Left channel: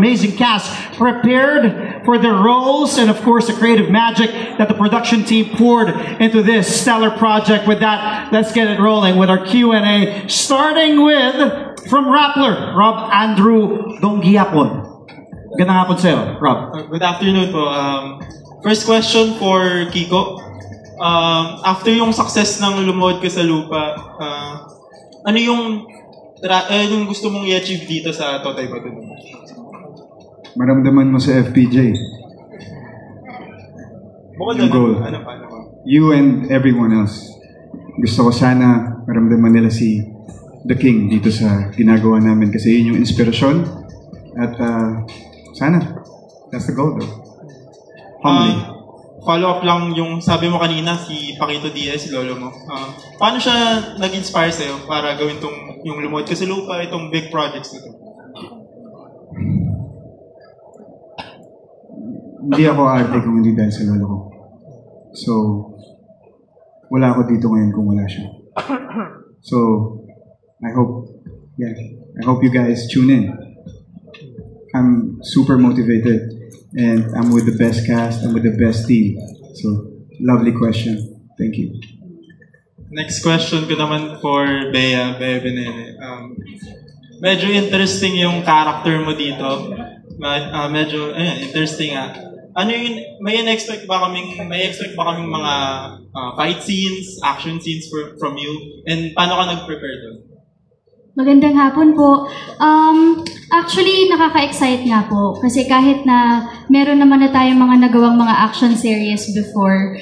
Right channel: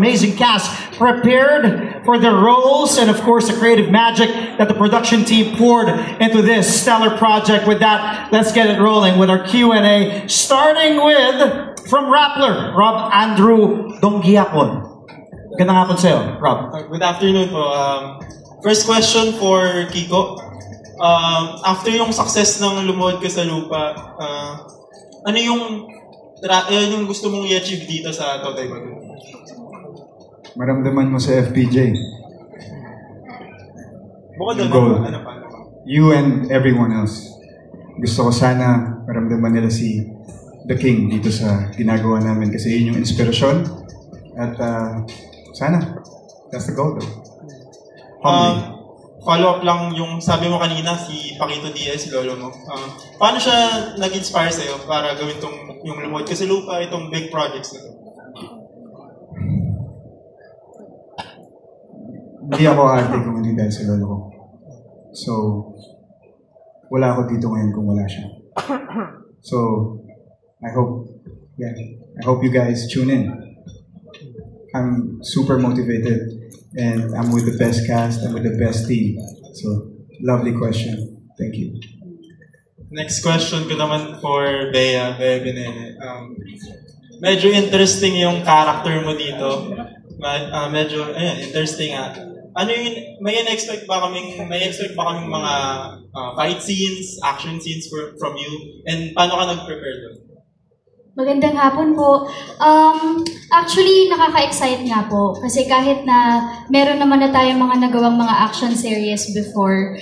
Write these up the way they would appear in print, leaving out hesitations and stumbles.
amazing cast prepared for their roles and, of course, the creative magic that the production team poured into this stellar project. With that, let's get it rolling with our Q&A, starting with, from Rappler, Rob Andrew Donghiapon. Gandang hapon sa'yo, Rob. Good afternoon po. First question for Kiko. After yung success ng Lumuhod Ka sa Lupa, ano yung gusto mong i-achieve dito sa Totoy Bato? Maramdaman mo sa FPJ. You and everyone else. Gusto ko sana maramdaman nila si The King dito sa ginagawa namin kasi yun yung inspirasyon at sana that's the goal. Follow up lang yung sabi mo kanina, si Paquito Diaz, lolo mo. Paano siya nag-inspire sa'yo para gawin yung Lumuhod Ka sa Lupa, itong big projects na ito? Hindi ako arte kung hindi dahil sa lolo ko. So, wala ako dito ngayon kung wala siya. So, I hope you guys tune in. I'm super motivated. And I'm with the best cast, I'm with the best team. So, lovely question. Thank you. Next question ko naman for Bea Binene. Medyo interesting yung character mo dito. Medyo interesting Ano yung, may expect ba kaming mga fight scenes, action scenes from you? And paano ka nag-prepare doon? Magandang hapon po. Actually, nakaka-excite nga po. Kasi kahit na meron naman na tayong mga nagawang mga action series before,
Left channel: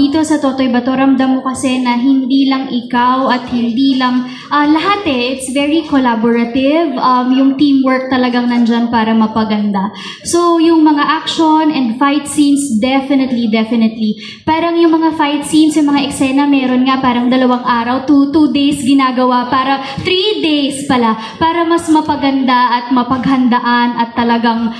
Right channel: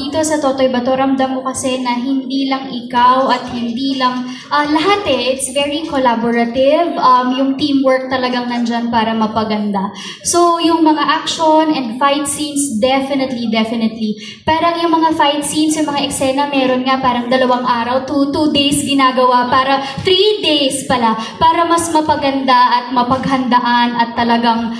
dito sa Totoy Bato, ramdam mo kasi na hindi lang ikaw at hindi lang lahat it's very collaborative. Yung teamwork talagang nandyan para mapaganda. So, yung mga action and fight scenes, definitely. Parang yung mga fight scenes, yung mga eksena, meron nga parang 2 araw, 2 days ginagawa para 3 days pala para mas mapaganda at mapaghandaan at talagang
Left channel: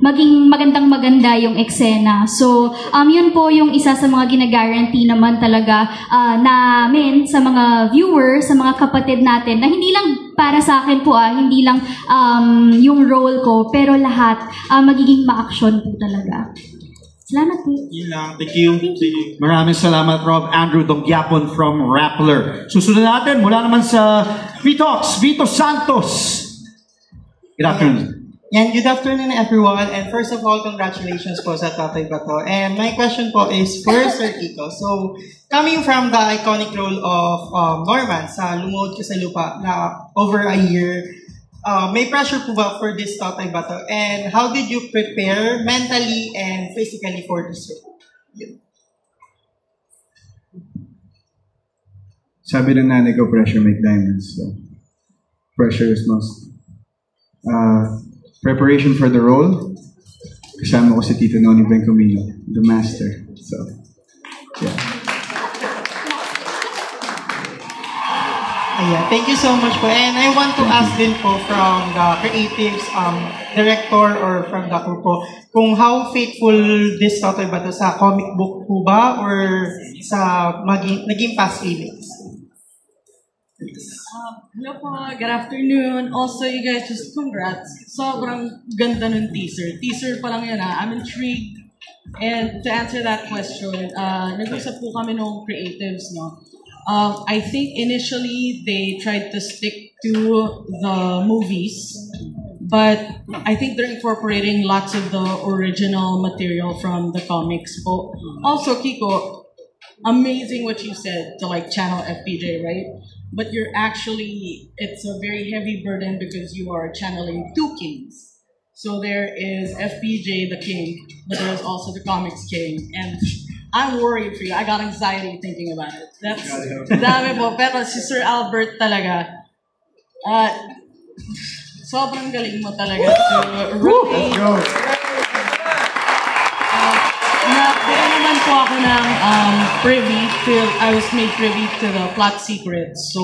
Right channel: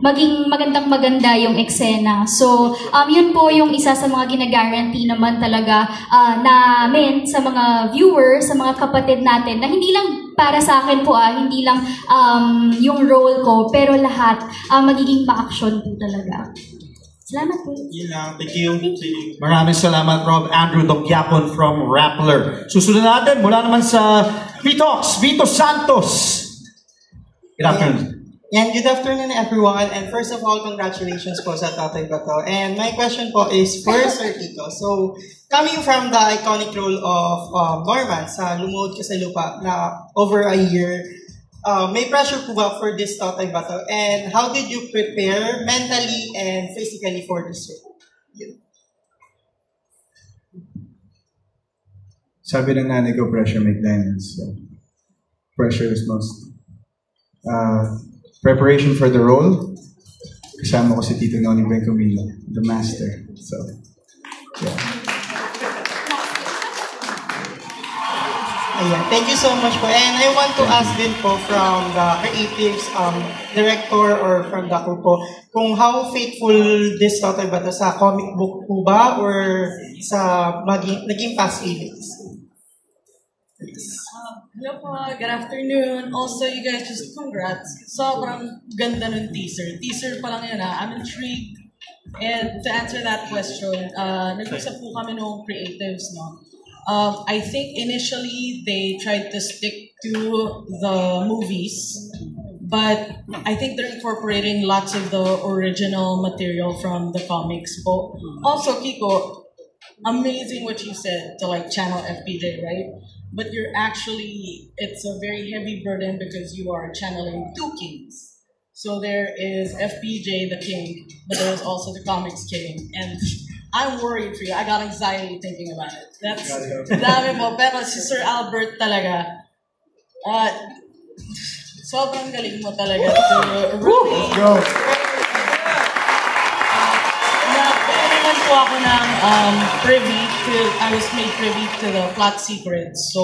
maging maganda yung eksena. So, yun po yung isa sa mga gina-guarantee naman talaga namin sa mga viewers, sa mga kapatid natin na hindi lang para sa akin po hindi lang yung role ko, pero lahat magiging ma-action po talaga. Salamat po. Thank you. Maraming salamat, Rob Andrew Donghiapon from Rappler. Susunod natin, mula naman sa VTalks, Vito Santos. Good afternoon. And good afternoon, everyone. And first of all, congratulations po sa Totoy Bato. And my question po is for Sir Kiko. So, coming from the iconic role of Norman sa Lumuhod Ka sa Lupa na over a year, may pressure po ba for this Totoy Bato? And how did you prepare mentally and physically for this role? Yeah. Sabi ng nanay ko, pressure make diamonds. So, pressure is must. Preparation for the role, kasama ko si Tito Noni Bencomino, the master. So, yeah. Yeah, thank you so much po. And I want to ask din po from the creatives, director or from the crew po, kung how faithful this Totoy Bato sa comic book po ba or sa naging past feelings? Hello po, good afternoon. Also, you guys, just congrats. Sobrang ganda ng teaser. Teaser pa lang yan I'm intrigued. And to answer that question, nag-usap po kami ng creatives, no? I think initially they tried to stick to the movies, but I think they're incorporating lots of the original material from the comics. Also, Kiko, amazing what you said to like channel FPJ, right? But you're actually, it's a very heavy burden because you are channeling 2 kings. So there is FPJ, the king, but there's also the comics king. And I'm worried for you. I got anxiety thinking about it. That's dami po. Pero si Sir Albert talaga, sobrang galing mo talaga to rotate. Naman po ako ng I was made privy to the plot secrets. So,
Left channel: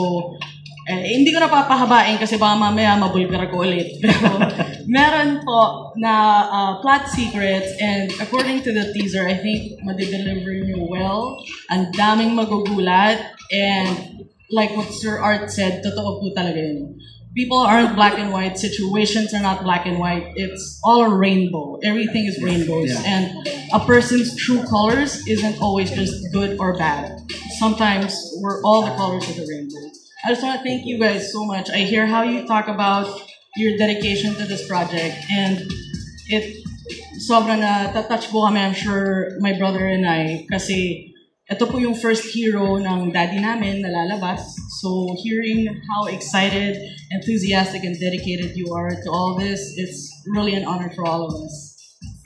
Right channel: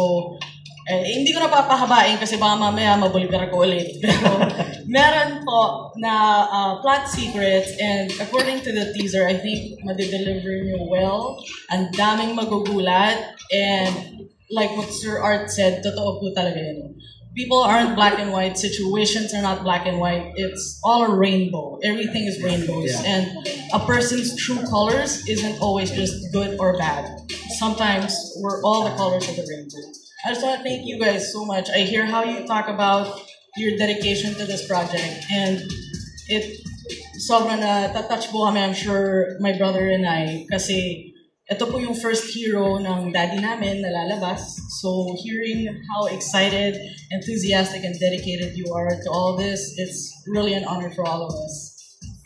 hindi ko na papahabain kasi baka mamaya mabulgar ko ulit. Pero meron po na plot secrets and according to the teaser, I think madideliver nyo well. Ang daming magugulat and like what Sir Art said, totoo po talaga yun. people aren't black and white, situations are not black and white. It's all a rainbow. Everything is rainbows. And a person's true colors isn't always just good or bad. Sometimes we're all the colors of the rainbow. I just want to thank you guys so much. I hear how you talk about your dedication to this project, and it sobrang na-touch po kami, I'm sure, my brother and I, kasi ito po yung first hero ng daddy namin na lalabas. So hearing how excited, enthusiastic, and dedicated you are to all this, it's really an honor for all of us.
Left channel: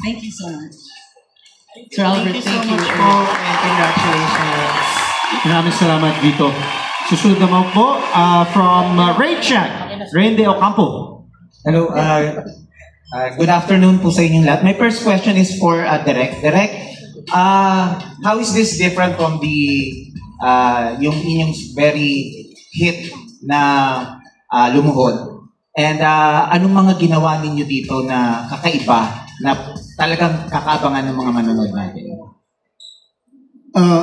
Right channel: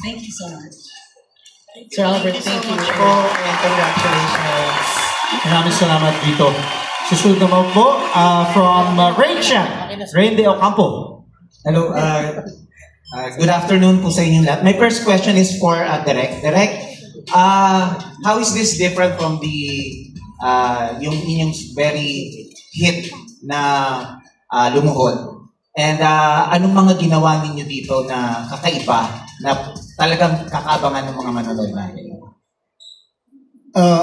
Thank you so much. Sir Albert, thank you. And congratulations. Maraming salamat dito. Susunod naman po from Rain Check, Rain De Ocampo. Hello, good afternoon po sa inyong lahat. My first question is for Derek. Derek, how is this different from the yung inyong very hit na Lumuhod? And anong mga ginawa ninyo dito na kakaiba na talagang kakaabangan ng mga manonood natin?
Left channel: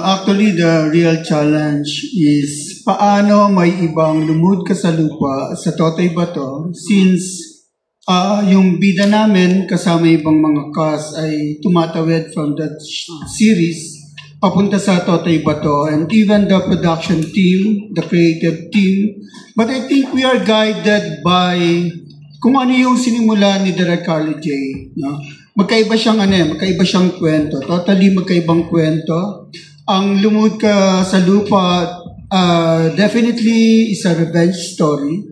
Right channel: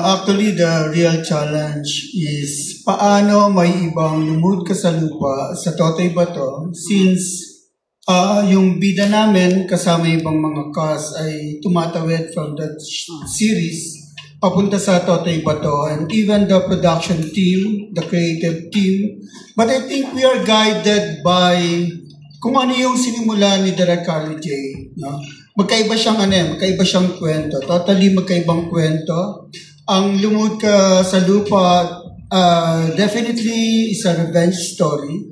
Actually, the real challenge is paano may ibang Lumuhod Ka sa Lupa sa Totoy Bato, since yung bida namin kasama ibang mga cast ay tumatawid from that series papunta sa Totoy Bato, and even the production team, the creative team. But I think we are guided by kung ano yung sinimula ni Direk Carlo J. No? Magkaiba siyang kwento. Totally magkaibang kwento. Ang Lumuhod Ka sa Lupa definitely is a revenge story.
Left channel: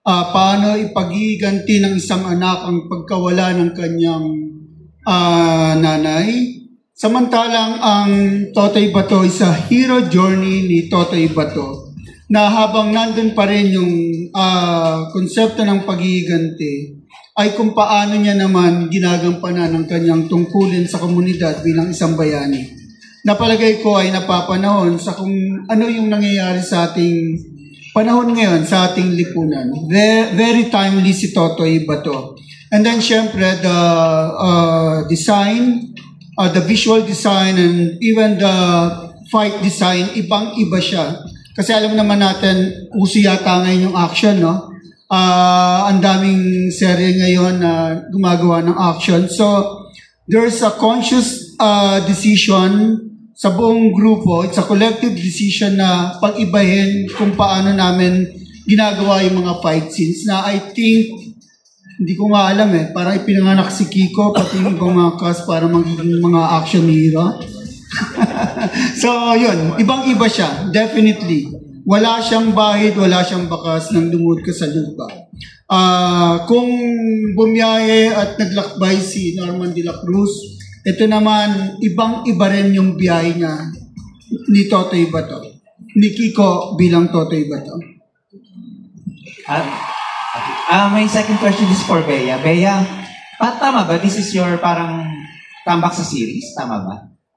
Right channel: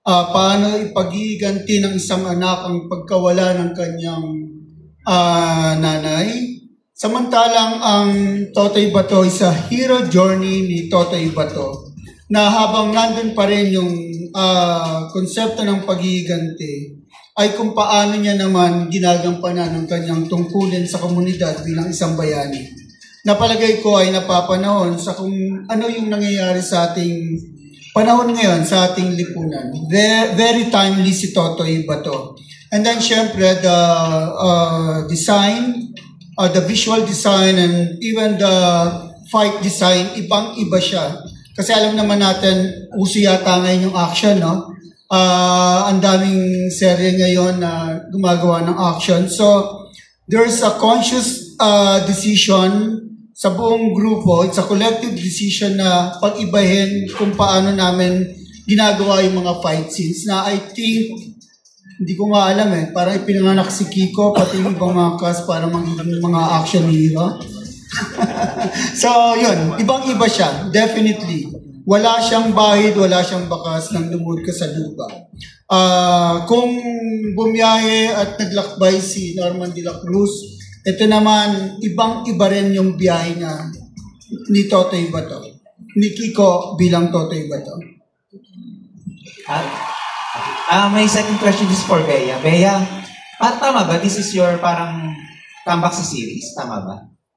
Paano ipagiganti ng isang anak ang pagkawala ng kanyang nanay. Samantalang ang Totoy Bato is a hero journey ni Totoy Bato na habang nandun pa rin yung konsepto ng pagiganti, ay kung paano niya naman ginagampanan ng kanyang tungkulin sa komunidad bilang isang bayani. Napalagay ko ay napapanahon sa kung ano yung nangyayari sa ating panahon ngayon, sa ating lipunan. Very timely si Totoy Bato. And then syempre the design, the visual design, and even the fight design, ibang-iba siya. Kasi alam naman natin, uso yata ngayon yung action, no? Ang daming serye ngayon na gumagawa ng action. So, there's a conscious decision sa buong grupo. It's a collective decision na pag-ibahin kung paano namin ginagawa yung mga fight scenes na I think, hindi ko nga alam parang ipinanganak si Kiko pati yung mga cast para magiging mga action hero. So, yun. Ibang-iba siya. Definitely. Wala siyang bahid, wala siyang bakas ng Lumuhod Ka sa Lupa. Kung bumiyahe at naglakbay si Norman de la Cruz, ito naman, ibang-iba rin yung biyahe niya ni Totoy Bato. Ni Kiko bilang Totoy Bato. My second question is for Bea. Bea, tama ba? This is your parang tambak sa series? Tama ba?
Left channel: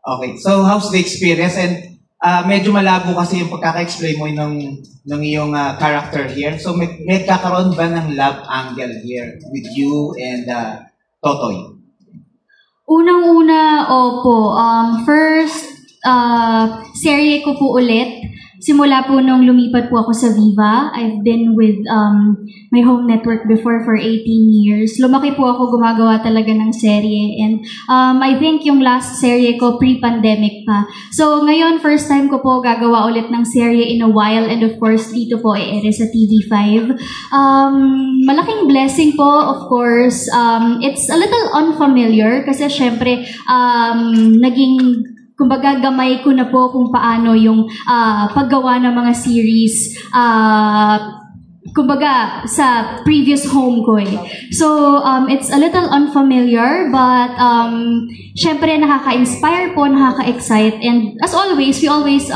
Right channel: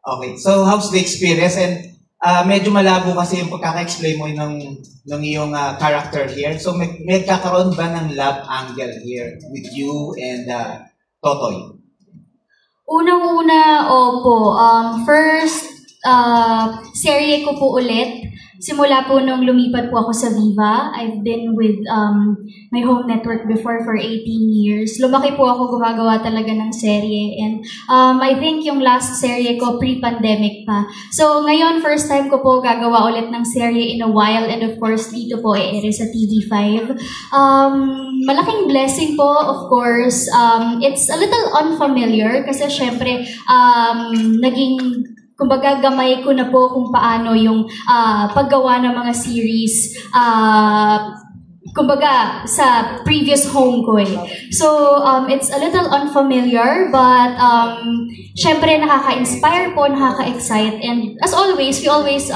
Okay. So, how's the experience? And medyo malabo kasi yung pagkaka-explain mo ng iyong character here. So, may kakaroon ba ng love angle here with you and Totoy? Unang-una, opo. First, serye ko po ulit. Simula po nung lumipat po ako sa Viva. I've been with my home network before for 18 years. Lumaki po ako gumagawa talaga ng serye. And I think yung last serye ko pre-pandemic pa. So ngayon, first time ko po gagawa ulit ng serye in a while. And of course, dito po ere sa TV5. Malaking blessing po, of course. It's a little unfamiliar kasi syempre naging kumbaga gamay ko na po kung paano yung paggawa ng mga series kumbaga sa previous home ko So, it's a little unfamiliar but syempre nakaka-inspire po, nakaka-excite, and as always, we always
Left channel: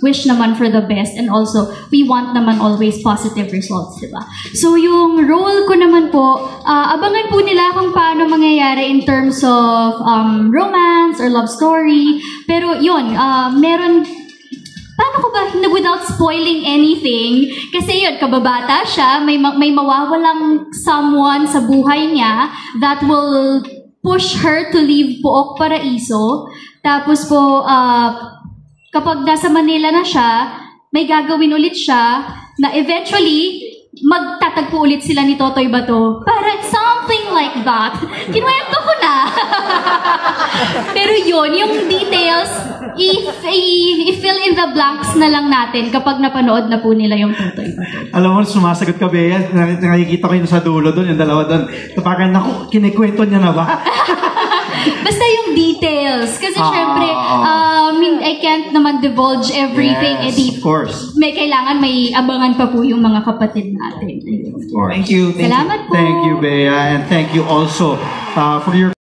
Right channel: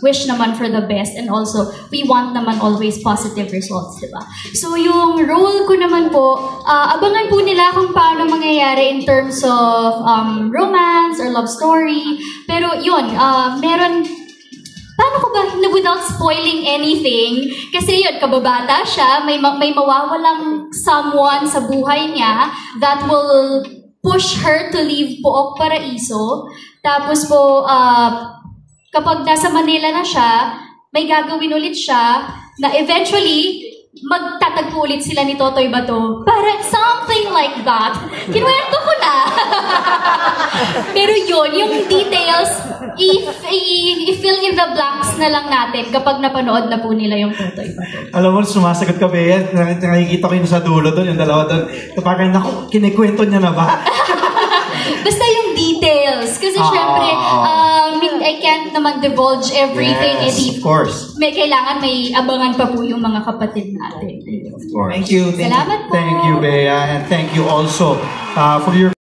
wish naman for the best, and also we want naman always positive results, diba? So, yung role ko naman po, abangan po nila kung paano mangyayari in terms of romance or love story. Pero yun, meron, paano ko ba, without spoiling anything, kasi yun, kababata siya, may mawawalang someone sa buhay niya that will push her to leave Pook Paraiso. Tapos po, kapag nasa Manila na siya, may gagawin ulit siya na eventually, magtatagpo ulit sila ni Totoy Bato. Parang something like that. Kinuwento ko na. Pero yun, yung details, i-fill in the blanks na lang natin kapag napanood na po nila yung Totoy Bato. Alam mo, sumasagot ka, Bea. Nakikita ko yung sa dulo doon, yung dalawa doon. Ito parang, naku, kinikwento niya na ba? Basta yung details. Kasi syempre, I can't naman divulge everything. Yes, of course. May kailangan, may abangan pa po yung mga kapatid natin. Of course. Thank you. Salamat po. Thank you, Bea. And thank you also for your